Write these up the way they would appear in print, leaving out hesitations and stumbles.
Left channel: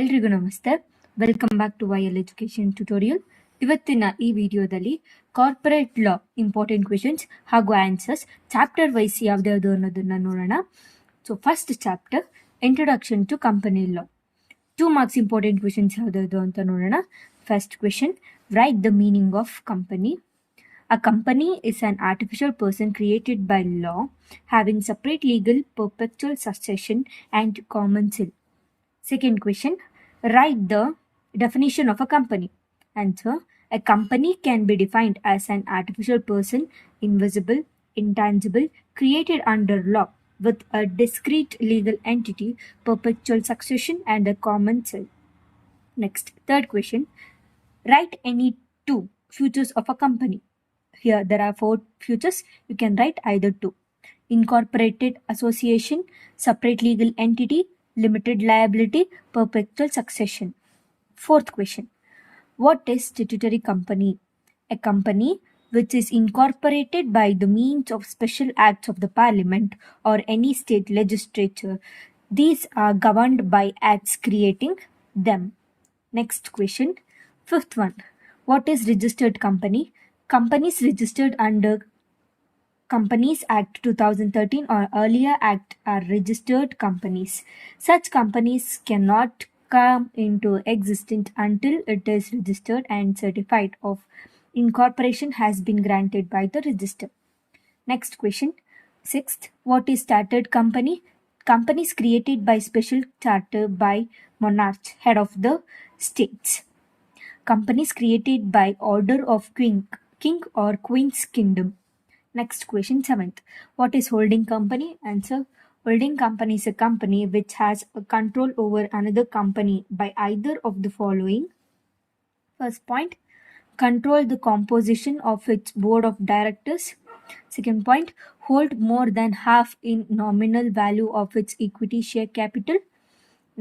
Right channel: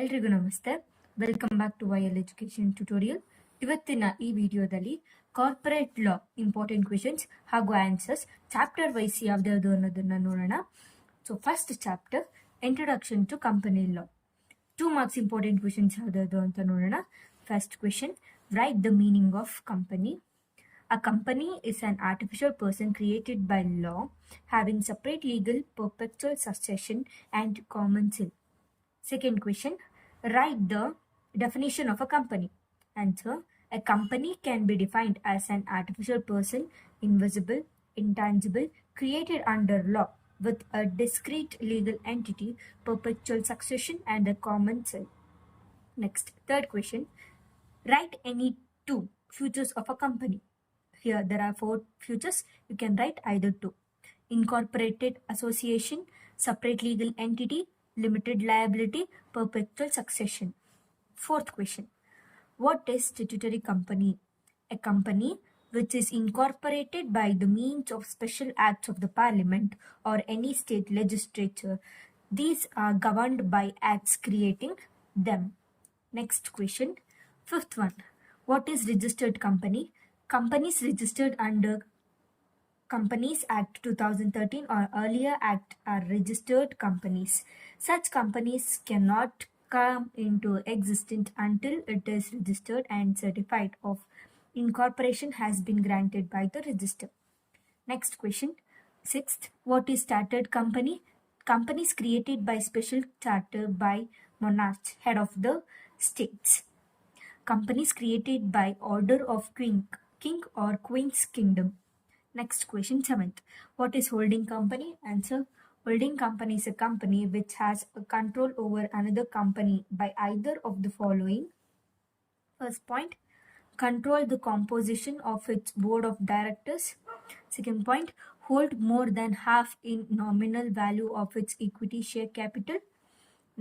ಎಲ್ರಿಗೂ ನಮಸ್ತೆ. Welcome back to YL education tutorial. ಇವತ್ತಿನ ಈ ವಿಡಿಯೋದಲ್ಲಿ ಕಾರ್ಪೊರೇಟ್ ಲಾ ಇಂಪಾರ್ಟೆಂಟ್ ಕ್ವೆಶನ್ಸ್ ಹಾಗೂ ಆನ್ಸರ್ಸ್ ಚಾಪ್ಟರ್ ವೈಸ್ ಯಾವ್ದು ಅನ್ನೋದನ್ನ ನೋಡೋಣ. So first chapter introduction to company law. 2 marks important questions ಯಾವ್ದು ಅಂತ ನೋಡೋಣ. First question, write the meaning of company. A company is an artificial person created by law, having separate legal, perpetual succession and commensal. Second question, write the definition of a company. Answer, a company can be defined as an artificial person, invisible, intangible, created under law, with a discrete legal entity, perpetual succession and a commensal. Next, third question, write any 2 futures of a company. Here there are 4 futures. You can write either 2. Incorporated association, separate legal entity, limited liability, perpetual succession. Fourth question, what is statutory company? A company which is incorporated by the means of special acts of the parliament or any state legislature. These are governed by acts creating them. Next question, fifth one, what is registered company? Companies registered under Companies Act 2013 or earlier act are registered companies. Such companies cannot come into existence until it is registered and certified of incorporation has been granted by the register. Next question, sixth, what is chartered company? Companies created by special charter by monarch, head of the states. Companies created by order of king or queen's kingdom. Next question, seventh, what is holding company? Answer, holding company is a company which has a control over another company by either of the following. First point, control the composition of its board of directors. Second point, hold more than half in nominal value of its equity share capital.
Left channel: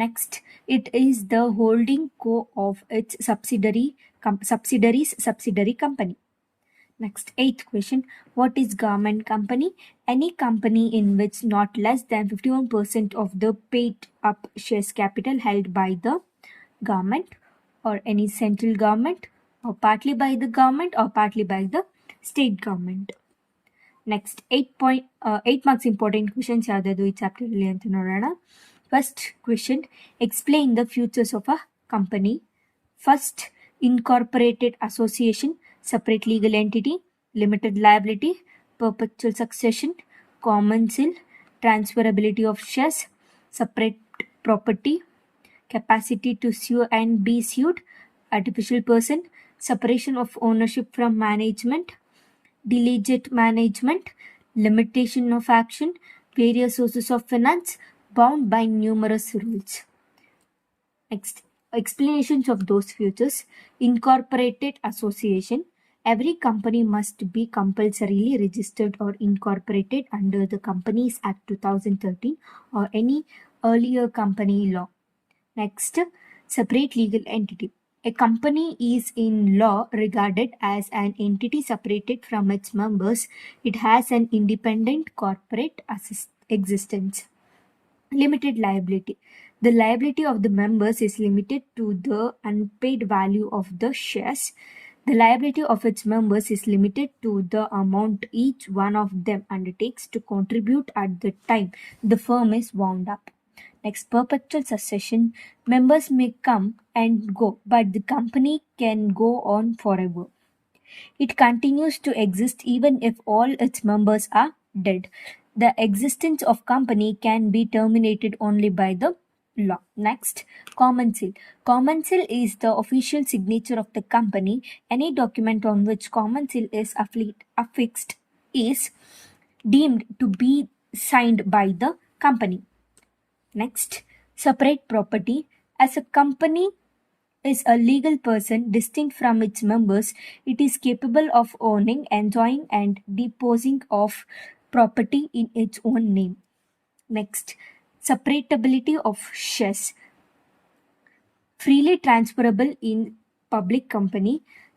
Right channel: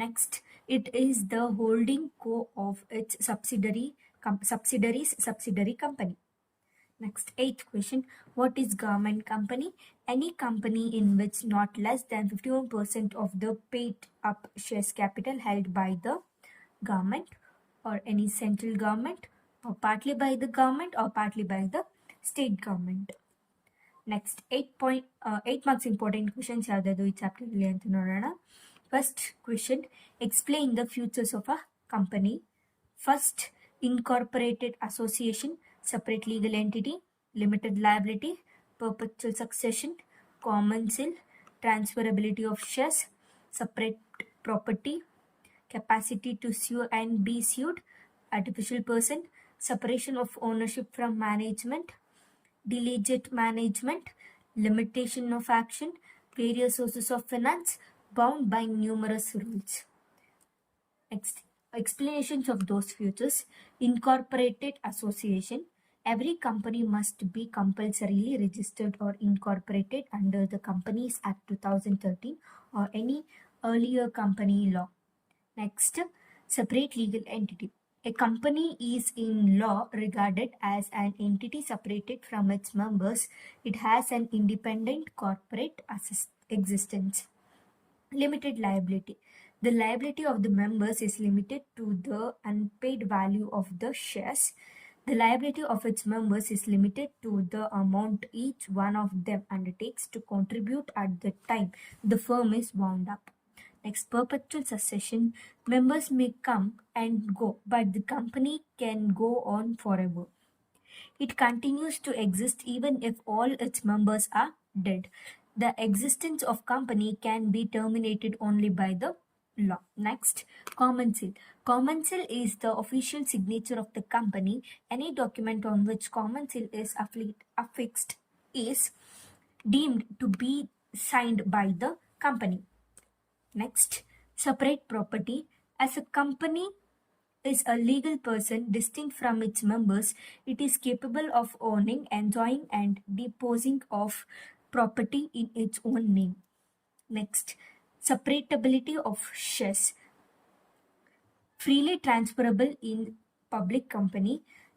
Next, it is the holding co of its subsidiary company. Next, eighth question, what is government company? Any company in which not less than 51% of the paid up shares capital held by the government or any central government or partly by the government or partly by the state government. Next, 8 marks important questions ಯಾವ್ದು ಈ chapter ಅಲ್ಲಿ ಅಂತ ನೋಡೋಣ. First question, explain the features of a company. First, incorporated association, separate legal entity, limited liability, perpetual succession, commensal, transferability of shares, separate property, capacity to sue and be sued, artificial person, separation of ownership from management, diligent management, limitation of action, various sources of finance, bound by numerous rules. Next, explanations of those features. Incorporated association, every company must be compulsorily registered or incorporated under the Companies Act 2013 or any earlier company law. Next, separate legal entity. A company is in law regarded as an entity separated from its members. It has an independent corporate existence. Limited liability. The liability of the members is limited to the unpaid value of the shares. The liability of its members is limited to the amount each one of them undertakes to contribute at the time the firm is wound up. Next, perpetual succession. Members may come and go, but the company can go on forever. It continues to exist even if all its members are dead. The existence of company can be terminated only by the law. Next, commensal. Commensal is the official signature of the company. Any document on which commensal is affixed is deemed to be signed by the company. Next, separate property. As a company is a legal person distinct from its members, it is capable of owning, enjoying and disposing of property in its own name. Next, separatability of shares. Freely transferable in public company.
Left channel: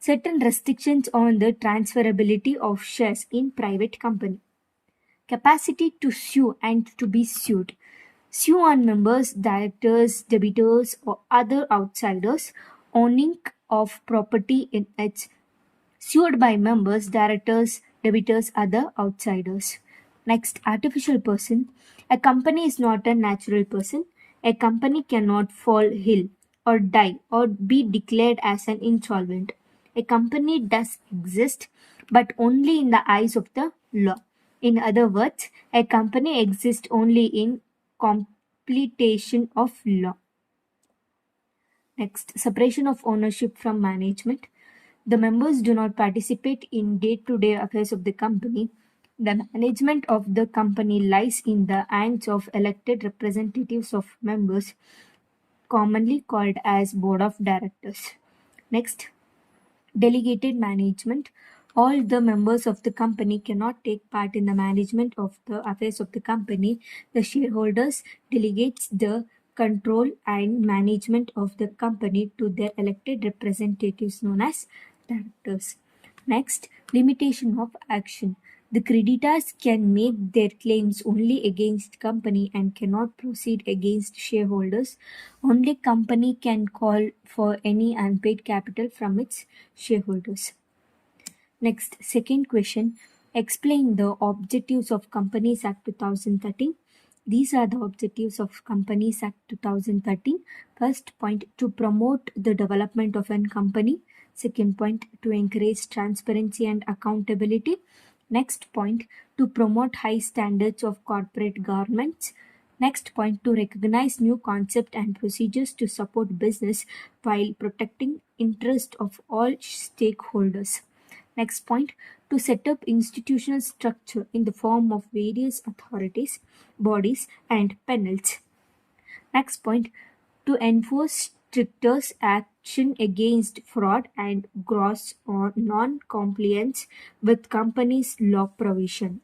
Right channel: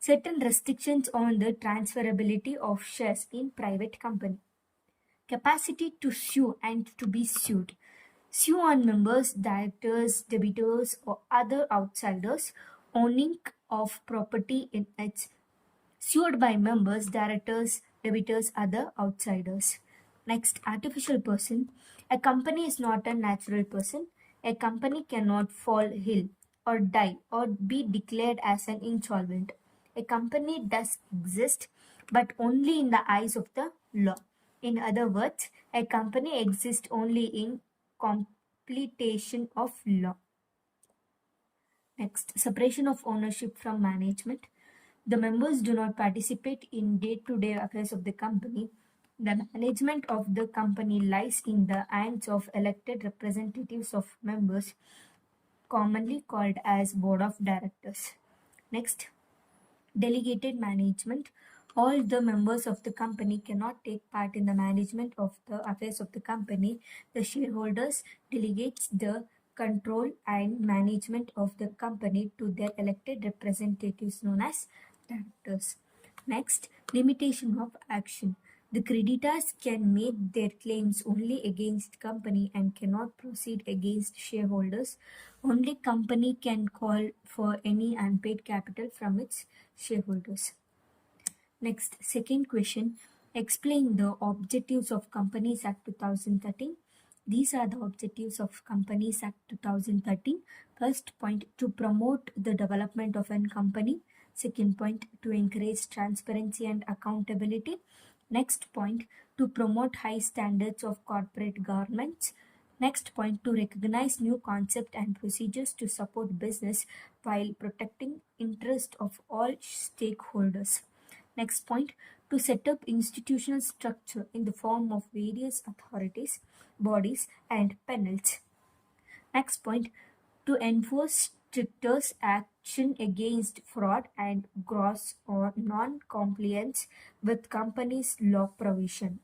Certain restrictions on the transferability of shares in private company. Capacity to sue and to be sued. Sue on members, directors, debitors, or other outsiders owning of property in its sued by members, directors, debitors, other outsiders. Next, artificial person. A company is not a natural person. A company cannot fall ill or die or be declared as an insolvent. A company does exist, but only in the eyes of the law. In other words, a company exists only in completion of law. Next, separation of ownership from management. The members do not participate in day-to-day affairs of the company. The management of the company lies in the hands of elected representatives of members, commonly called as board of directors. Next, delegated management. All the members of the company cannot take part in the management of the affairs of the company. The shareholders delegates the control and management of the company to their elected representatives known as directors. Next, limitation of action. The creditors can make their claims only against company and cannot proceed against shareholders. Only company can call for any unpaid capital from its shareholders. Next, second question. Explain the objectives of Companies Act 2013. These are the objectives of Companies Act 2013. First point, to promote the development of a company. Second point, to encourage transparency and accountability. Next point, to promote high standards of corporate governance. Next point, to recognize new concepts and procedures to support business while protecting interest of all stakeholders. Next point, to set up institutional structure in the form of various authorities, bodies, and panels. Next point, to enforce stricter action against fraud and gross or non-compliance with companies' law provision.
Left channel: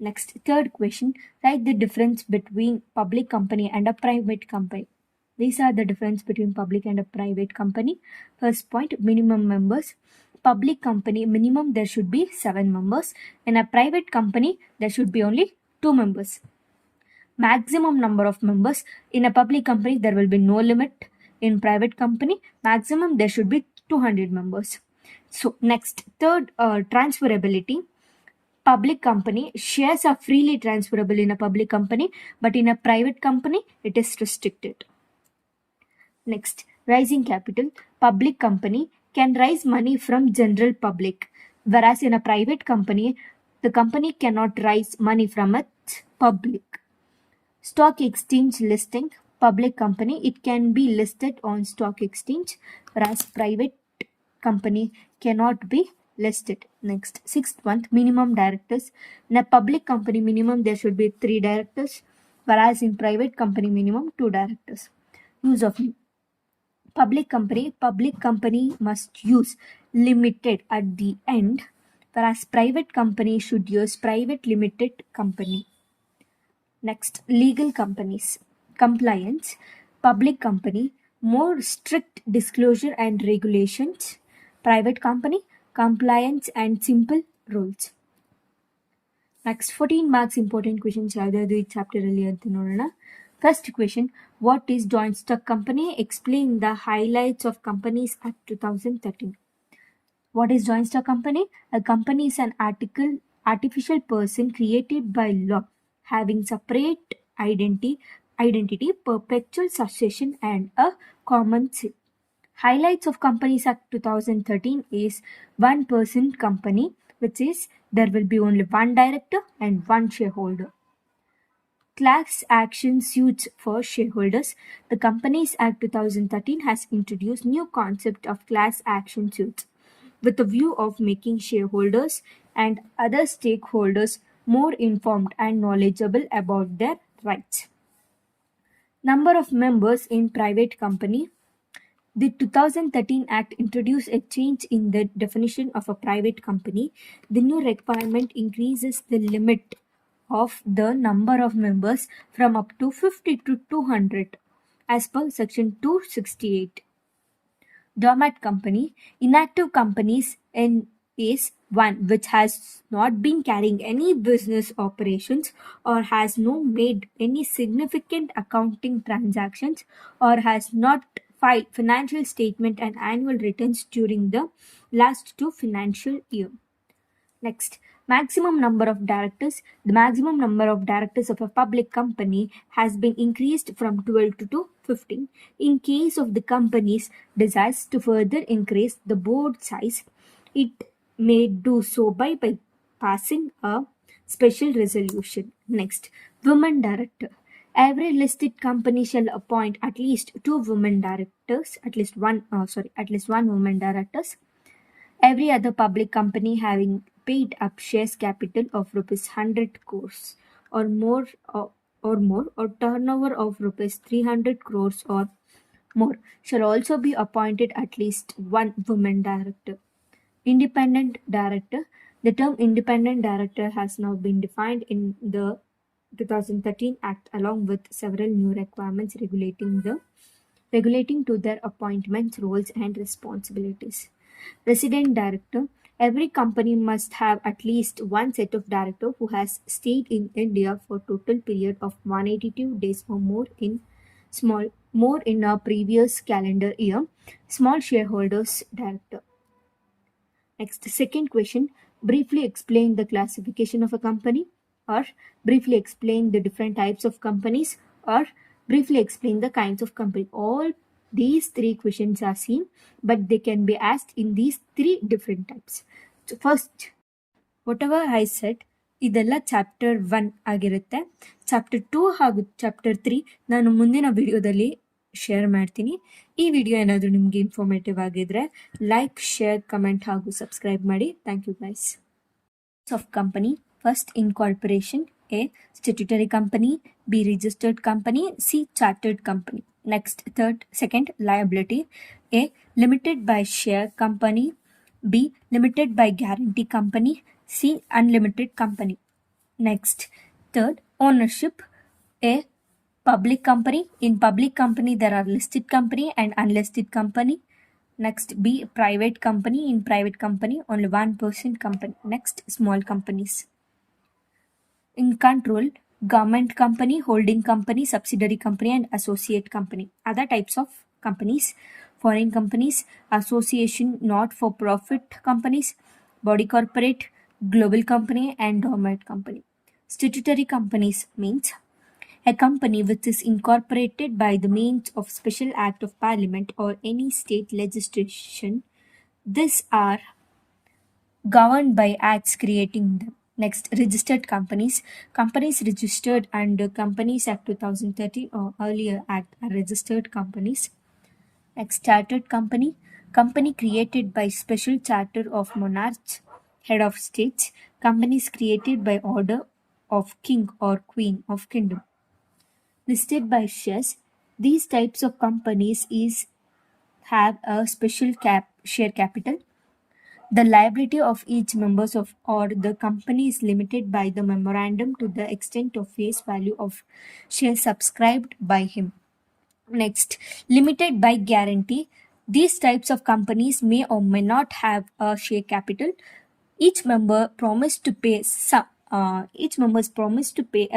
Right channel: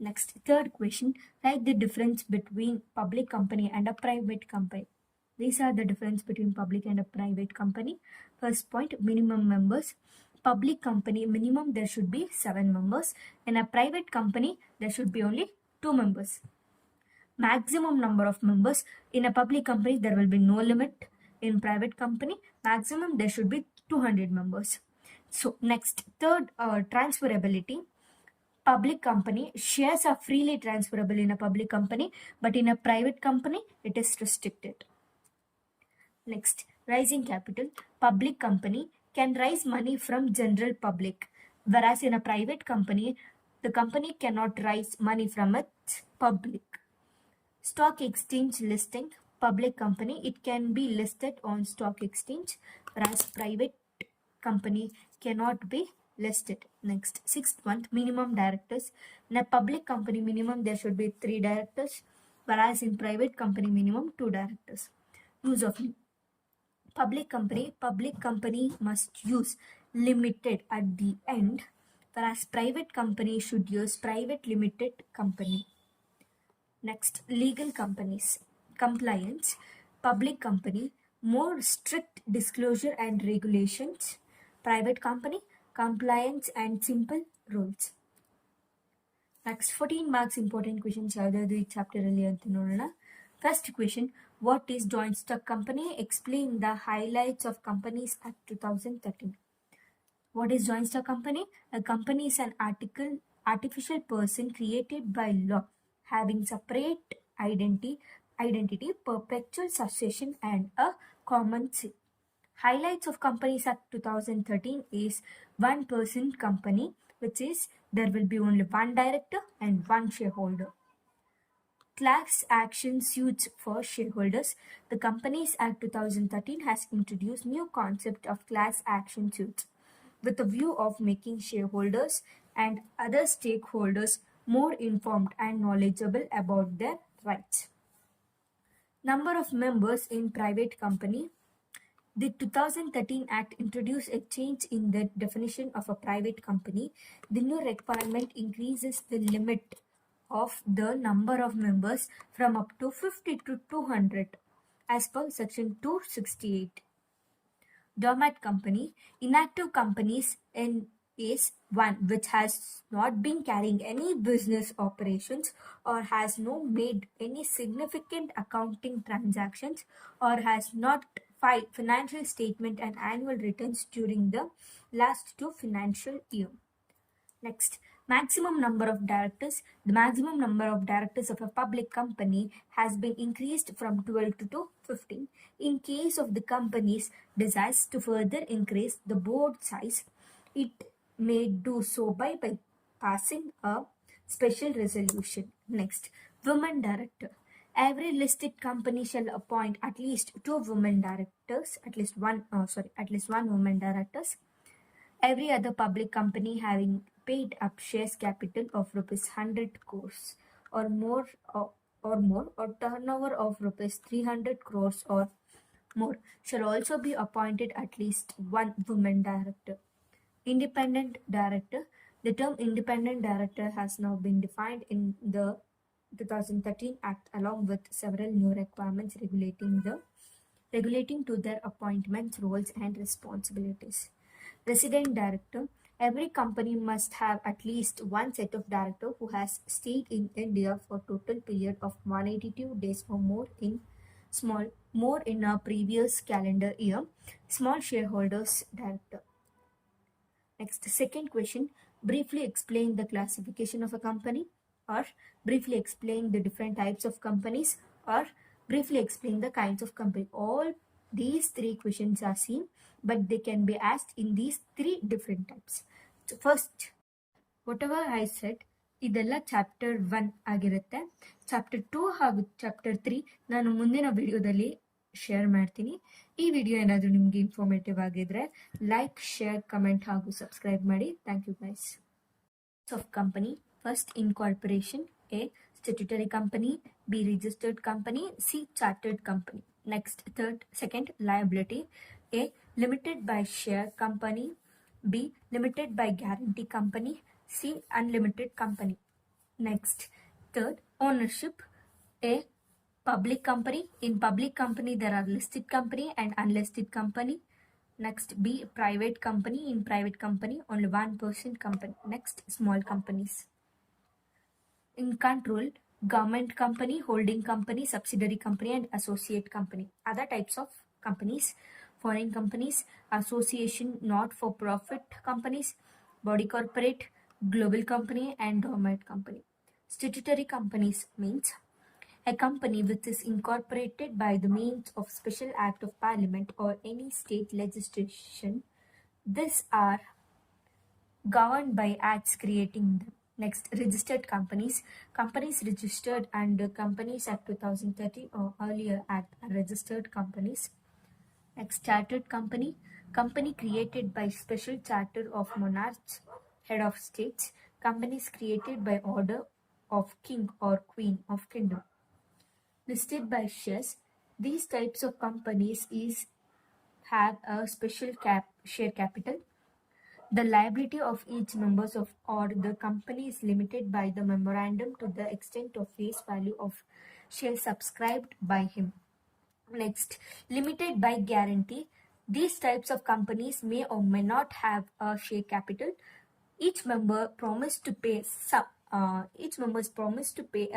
Next, third question, write the difference between public company and a private company. These are the difference between public and a private company. First point, minimum members. Public company, minimum there should be 7 members. In a private company, there should be only 2 members. Maximum number of members. In a public company, there will be no limit. In private company, maximum there should be 200 members. So next, third, transferability. Public company, shares are freely transferable in a public company, but in a private company, it is restricted. Next, raising capital. Public company can raise money from general public, whereas in a private company, the company cannot raise money from its public. Stock exchange listing. Public company, it can be listed on stock exchange, whereas private company cannot be listed. Next, sixth one, minimum directors. In a public company, minimum there should be 3 directors, whereas in private company, minimum 2 directors. Use of public company must use limited at the end, whereas private company should use private limited company. Next, legal companies. Compliance. Public company, more strict disclosure and regulations. Private company, compliance and simple rules. Next, 14 marks important questions ಯಾವುದಾದ್ರು ಈ chapter ಅಲ್ಲಿ ಅಂತ ನೋಡೋಣ. First question, what is joint stock company? Explain the highlights of Companies Act 2013. What is joint stock company? A company is an artificial person created by law, having separate identity, perpetual succession, and a common seal. Highlights of Companies Act 2013 is one person company, which is there will be only one director and one shareholder. Class action suits for shareholders. The Companies Act 2013 has introduced new concept of class action suits with a view of making shareholders and other stakeholders more informed and knowledgeable about their rights. Number of members in private company. The 2013 Act introduced a change in the definition of a private company. The new requirement increases the limit of the number of members from up to 50 to 200 as per section 268. Dormant company. Inactive companies is one which has not been carrying any business operations or has no made any significant accounting transactions or has not filed financial statement and annual returns during the last two financial year. Next, maximum number of directors. The maximum number of directors of a public company has been increased from 12 to 15. In case of the company's desires to further increase the board size, it may do so by passing a special resolution. Next, women director. Every listed company shall appoint at least two women directors, at least one woman directors. Every other public company having paid up shares capital of rupees 100 crores or more or turnover of rupees 300 crores or more shall also be appointed at least one woman director. Independent director. The term independent director has now been defined in the 2013 Act along with several new requirements regulating to their appointments, roles and responsibilities. Resident director. Every company must have at least one set of director who has stayed in India for total period of 182 days or more in a previous calendar year. Small shareholders director. Next, second question. Briefly explain the classification of a company, or briefly explain the different types of companies, or briefly explain the kinds of company. All these three questions are same, but they can be asked in these three different types. So first, whatever I said, ಇದೆಲ್ಲ chapter 1 ಆಗಿರುತ್ತೆ. Chapter 2 ಹಾಗೂ chapter 3 ನಾನು ಮುಂದಿನ ವಿಡಿಯೋದಲ್ಲಿ share ಮಾಡ್ತೀನಿ. ಈ video ಏನಾದರೂ ನಿಮಗೆ ಇನ್ಫಾರ್ಮೇಟಿವ್ ಆಗಿದ್ರೆ ಲೈಕ್, ಶೇರ್, ಕಮೆಂಟ್ ಹಾಗೂ ಸಬ್ಸ್ಕ್ರೈಬ್ ಮಾಡಿ. Thank you guys. Of company. First, incorporation. A. Statutory company. B. Registered company. C. Chartered company. Next, second, liability. A. Limited by share company. B. Limited by guarantee company. C. Unlimited company. Next, third, ownership. A. Public company. In public company, there are listed company and unlisted company. Next, B. Private company. In private company, only one person company. Next, small companies. In control, government company, holding company, subsidiary company, and associate company. Other types of companies: foreign companies, association, not for profit companies, body corporate, global company, and dormant company. Statutory companies means a company which is incorporated by the means of special act of parliament or any state legislation. These are governed by acts creating them. Next, registered companies. Companies registered under Companies Act 2013 or earlier act are registered companies. Next, chartered company. Company created by special charter of monarchs, head of states. Companies created by order of king or queen of kingdom. Listed by shares. These types of companies have a special share capital. The liability of each members of or the company is limited by the memorandum to the extent of face value of shares subscribed by him. Next, limited by guarantee. These types of companies may or may not have a share capital. Each member promised to pay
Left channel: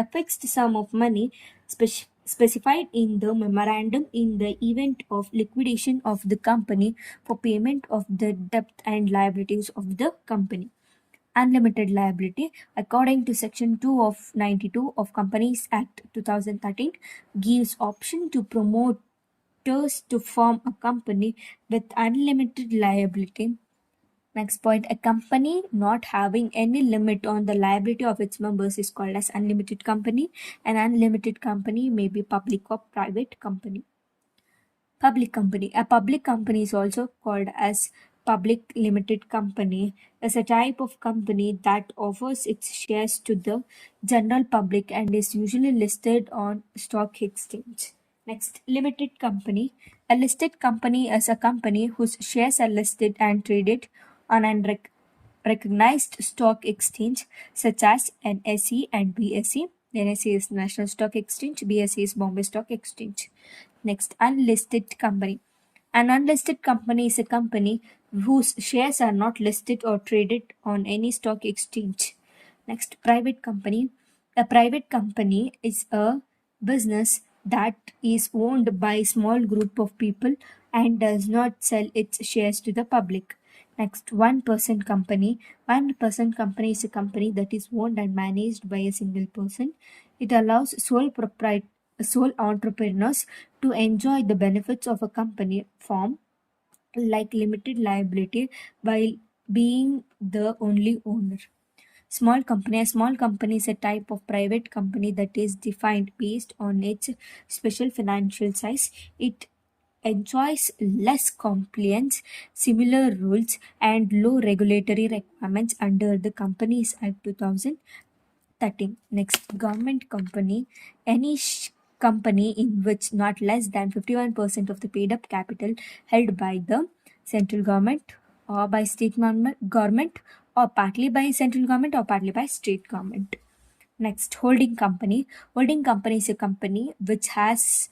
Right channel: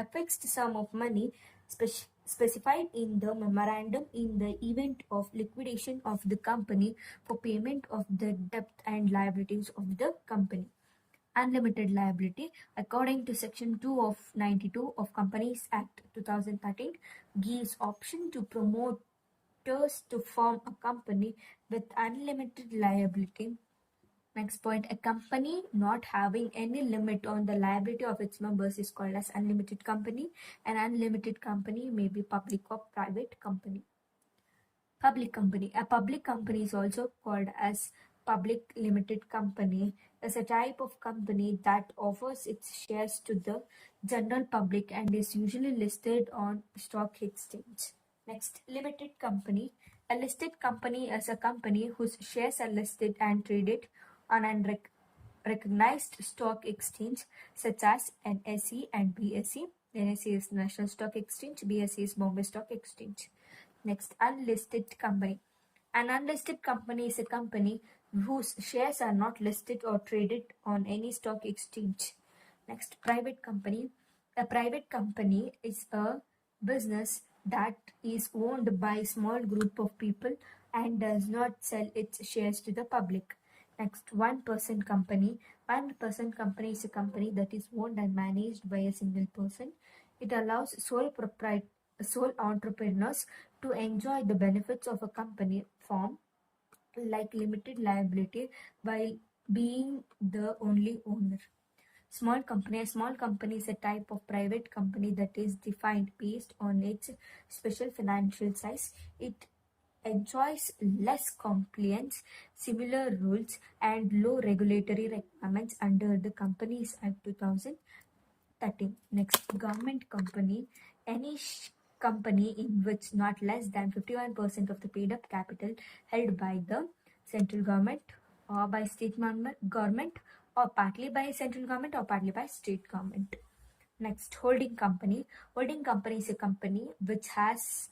a fixed sum of money specified in the memorandum in the event of liquidation of the company for payment of the debt and liabilities of the company. Unlimited liability, according to section 2 of 92 of Companies Act 2013, gives option to promoters to form a company with unlimited liability. Next point, a company not having any limit on the liability of its members is called as unlimited company. An unlimited company may be public or private company. Public company. A public company is also called as public limited company, is a type of company that offers its shares to the general public and is usually listed on stock exchange. Next, limited company. A listed company is a company whose shares are listed and traded on an recognized stock exchange such as NSE and BSE. NSE is National Stock Exchange, BSE is Bombay Stock Exchange. Next, unlisted company. An unlisted company is a company whose shares are not listed or traded on any stock exchange. Next, private company. A private company is a business that is owned by a small group of people and does not sell its shares to the public. Next, one-person company. One-person company is a company that is owned and managed by a single person. It allows sole entrepreneurs to enjoy the benefits of a company form like limited liability while being the only owner. Small company. A small company is a type of private company that is defined based on its special financial size. It enjoys less compliance, similar rules, and low regulatory requirements under the Companies Act 2013. Next, government company. Any company in which not less than 51% of the paid up capital held by the central government or by state government or partly by central government or partly by state government. Next, holding company. Holding company is a company which has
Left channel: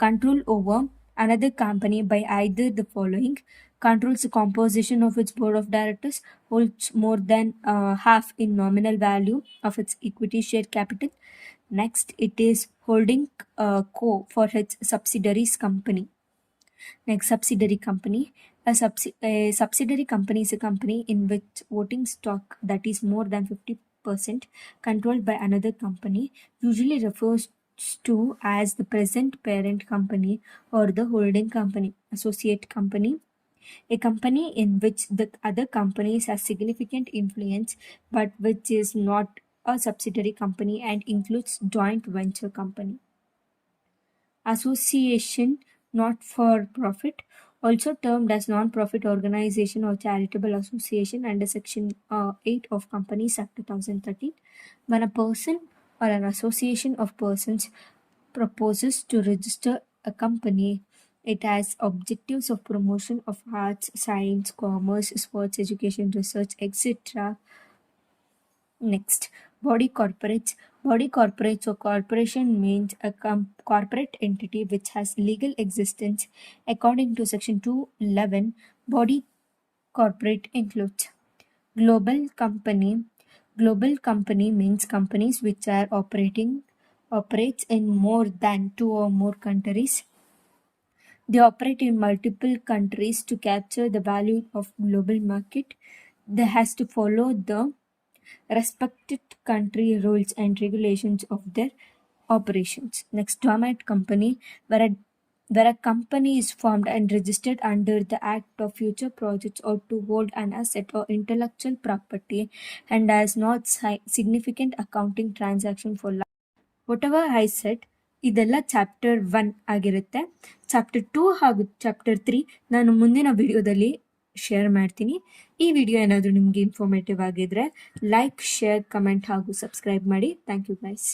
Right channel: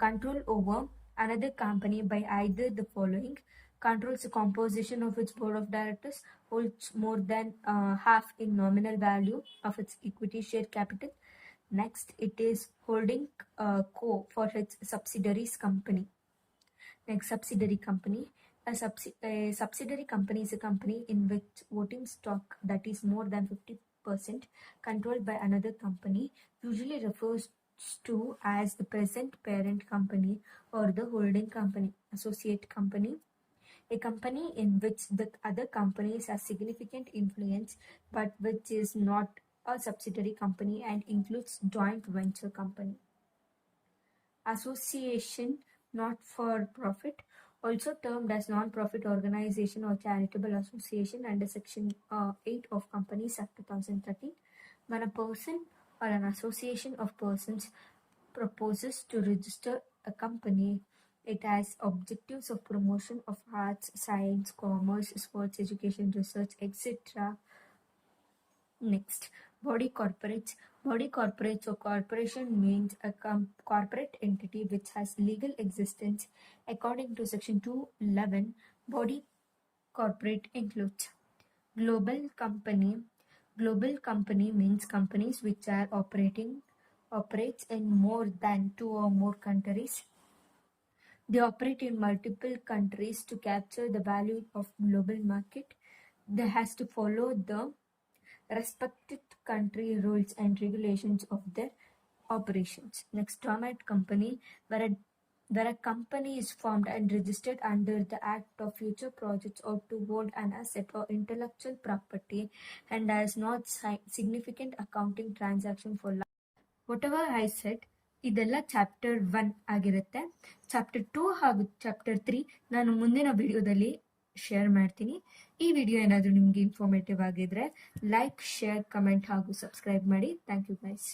control over another company by either the following: controls the composition of its board of directors, holds more than half in nominal value of its equity share capital. Next, it is holding co for its subsidiaries company. Next, subsidiary company. A subsidiary company is a company in which voting stock that is more than 50% controlled by another company, usually refers to as the present parent company or the holding company. Associate company. A company in which the other companies has significant influence but which is not a subsidiary company and includes joint venture company. Association not for profit, also termed as non-profit organization or charitable association under section 8 of Companies Act 2013. When a person or an association of persons proposes to register a company, it has objectives of promotion of arts, science, commerce, sports, education, research, etc. Next, body corporates. Body corporates or corporation means a corporate entity which has legal existence. According to Section 211, body corporate includes global company. Global company means companies which are operates in more than two or more countries. They operate in multiple countries to capture the value of global market. They has to follow the respected country rules and regulations of their operations. Next, dormant company, where a company is formed and registered under the Act of Future Projects or to hold an asset or intellectual property and has not significant accounting transaction for life. Whatever I said, ಇದೆಲ್ಲ chapter 1 ಆಗಿರುತ್ತೆ. Chapter 2 ಹಾಗೂ chapter 3 ನಾನು ಮುಂದಿನ ವಿಡಿಯೋದಲ್ಲಿ share ಮಾಡ್ತೀನಿ. ಈ video ಏನಾದರೂ ನಿಮಗೆ ಇನ್ಫಾರ್ಮೇಟಿವ್ ಆಗಿದ್ರೆ ಲೈಕ್, ಶೇರ್, ಕಮೆಂಟ್ ಹಾಗೂ ಸಬ್ಸ್ಕ್ರೈಬ್ ಮಾಡಿ. Thank you guys.